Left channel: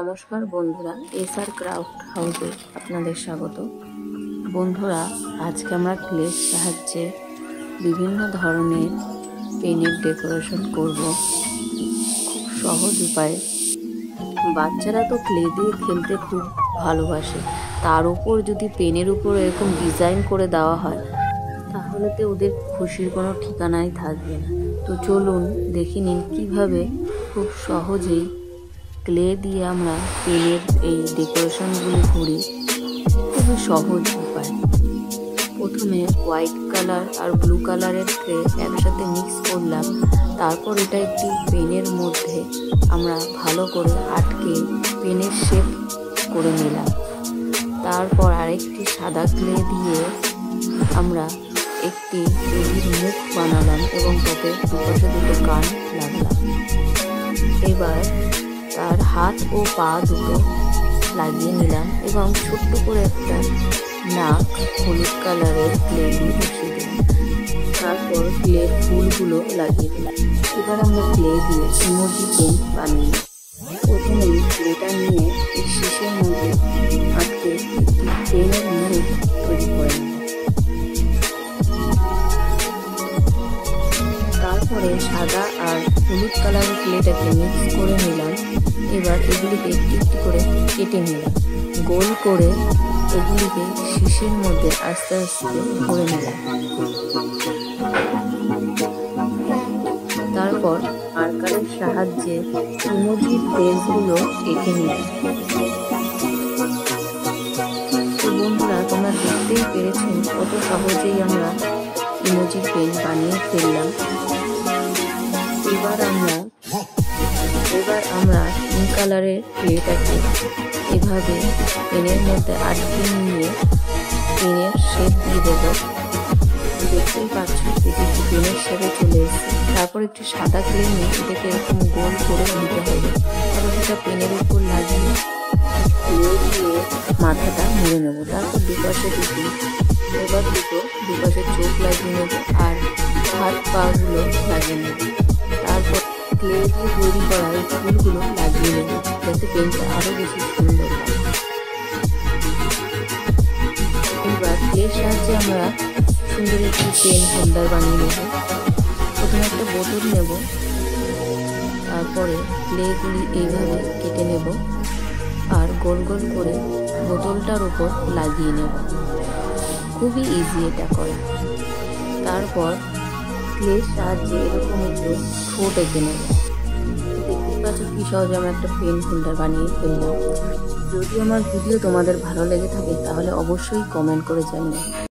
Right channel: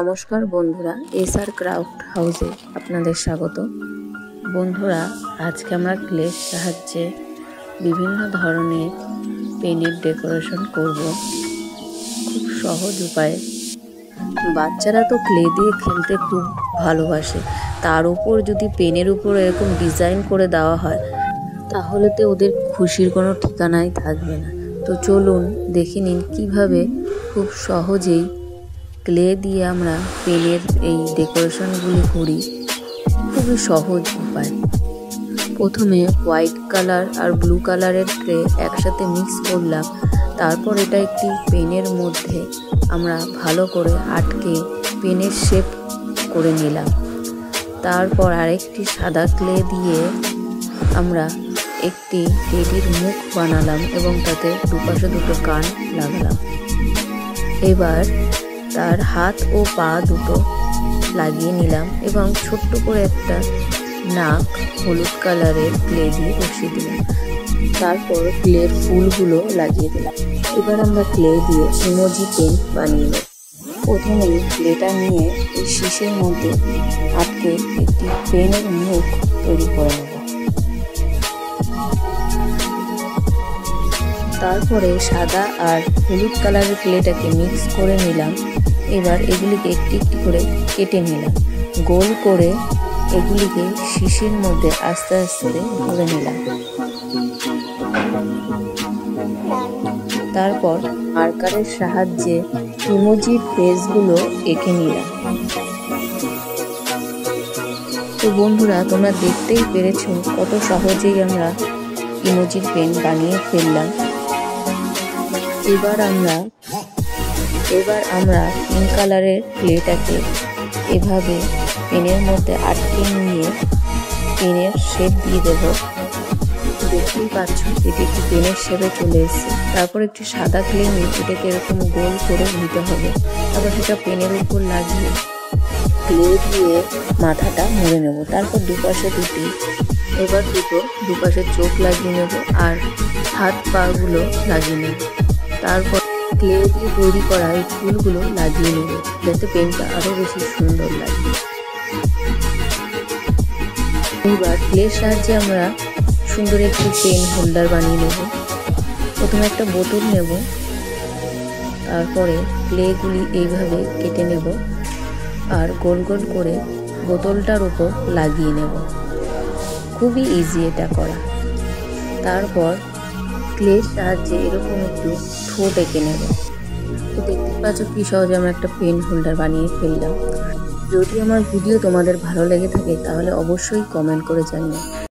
নমস্কার বন্ধুরা, SR craft হাউসে আপনাদের স্বাগত। বন্ধুরা, আজকে আমরা ক্লের সাহায্যে বিভিন্ন ধরনের পেনের ডেকোরেশন করব খুব সহজ উপায়ে। বাচ্চারা তো ক্লে দিয়ে খেলতে খুব ভালোবাসে, তার উপর যদি পেনের উপর এরকম ডিজাইন করে দেওয়া হয় তাহলে তো ওদের খুশির কোনো ঠিকানাই থাকবে না। তো চলুন দেখে নিন কীভাবে খুব সহজেই ক্লে দিয়ে আমরা পেনের এই ডেকোরেশনগুলি করি, খুবই সহজ উপায়। প্রথমে হোয়াইট কালার আর ব্লু কালারের ক্লে একসাথে মিক্স করলাম, তারপর এটা একটি পেনের মধ্যে আমরা ভালো করে আটকে পেনের শেপ করে নিলাম। তারপর আরেকটি সাদা ক্লে দিয়ে আমরা একটি টেডির মুখ বানালাম এবং তাতে দুপাশে দুটো কান লাগালাম। এবার তার হাত ও পা দুটো লাগিয়ে নিলাম এবং ছোট্ট করে একটা নাক হলুদ কালারের ক্লে দিয়ে বসিয়ে দিলাম। তারপর ক্লের ফুলগুলো লাগিয়ে দিলাম। এবার আমরা ক্লে দিয়ে ইমোজি পেন বানিয়ে নেব। প্রথমে ক্লেটা নিয়ে এই শীষের মধ্যে আটকে একটি পেনের মুখ তৈরি করে নেব। তারপরে সাদা আর হলুদ কালারের ক্লেটাকে মিক্স করে নিলাম। এবার এগুলিকে একটি একটি করে কেটে নিলাম, গোল করে এগুলিকে শীষের মধ্যে আস্তে আস্তে ভরে নিলাম। তারপর মার্কারের সাহায্যে ইমোজির ফেসগুলো এঁকে নিলাম। তো বন্ধুরা, তোমরা দেখতেই পেরেছো কত সহজেই আমরা ইমোজির পেন বানিয়ে ফেললাম। এবার আমরা পিঙ্ক কালারের ক্লেটাকে এভাবে পেনের মধ্যে আটকে নিয়ে পেনের শেপ দিয়ে দেব। দেখতেই পাচ্ছ এটি একটি পেনের শেপে চলে এসেছে। তারপর একটি সাদা ক্লে নিয়ে এটাকে এরকম গোল করে নিতে হবে। তারপর সেটা পেনের উপর লাগিয়ে ক্লে দিয়ে মাথাটা মুড়ে নেব। তারপর দুপাশে দুপাশে চোখ লাগিয়ে নেব আর হাত পা গুলো লাগিয়ে নেব। তারপর ক্লে দিয়ে তৈরি করা এই ফুলগুলো লাগিয়ে নেব যাতে পেনটা আরো বেশি সুন্দর লাগে। এবার ক্লের সাহায্যে আমরা সুন্দর একটি পেন হোল্ডার বানিয়ে নেব। প্রথমে একটা বোতল নেব, তারপরে ক্লেগুলি এইভাবে কেটে নেব আর গোল গোল করে বোতলটার উপর লাগিয়ে নেব। খুবই ইজি এটা করা। তারপর ক্লের সাহায্যে এরকম একটু ঠোঁট এঁকে নেব। দেখতে পাচ্ছ কি সহজে আমরা একটা পেন হোল্ডার বানিয়ে ফেললাম। যদি আমার ভিডিও তোমাদের ভালো লেগে থাকে তাহলে অবশ্যই কমেন্ট করে জানিও।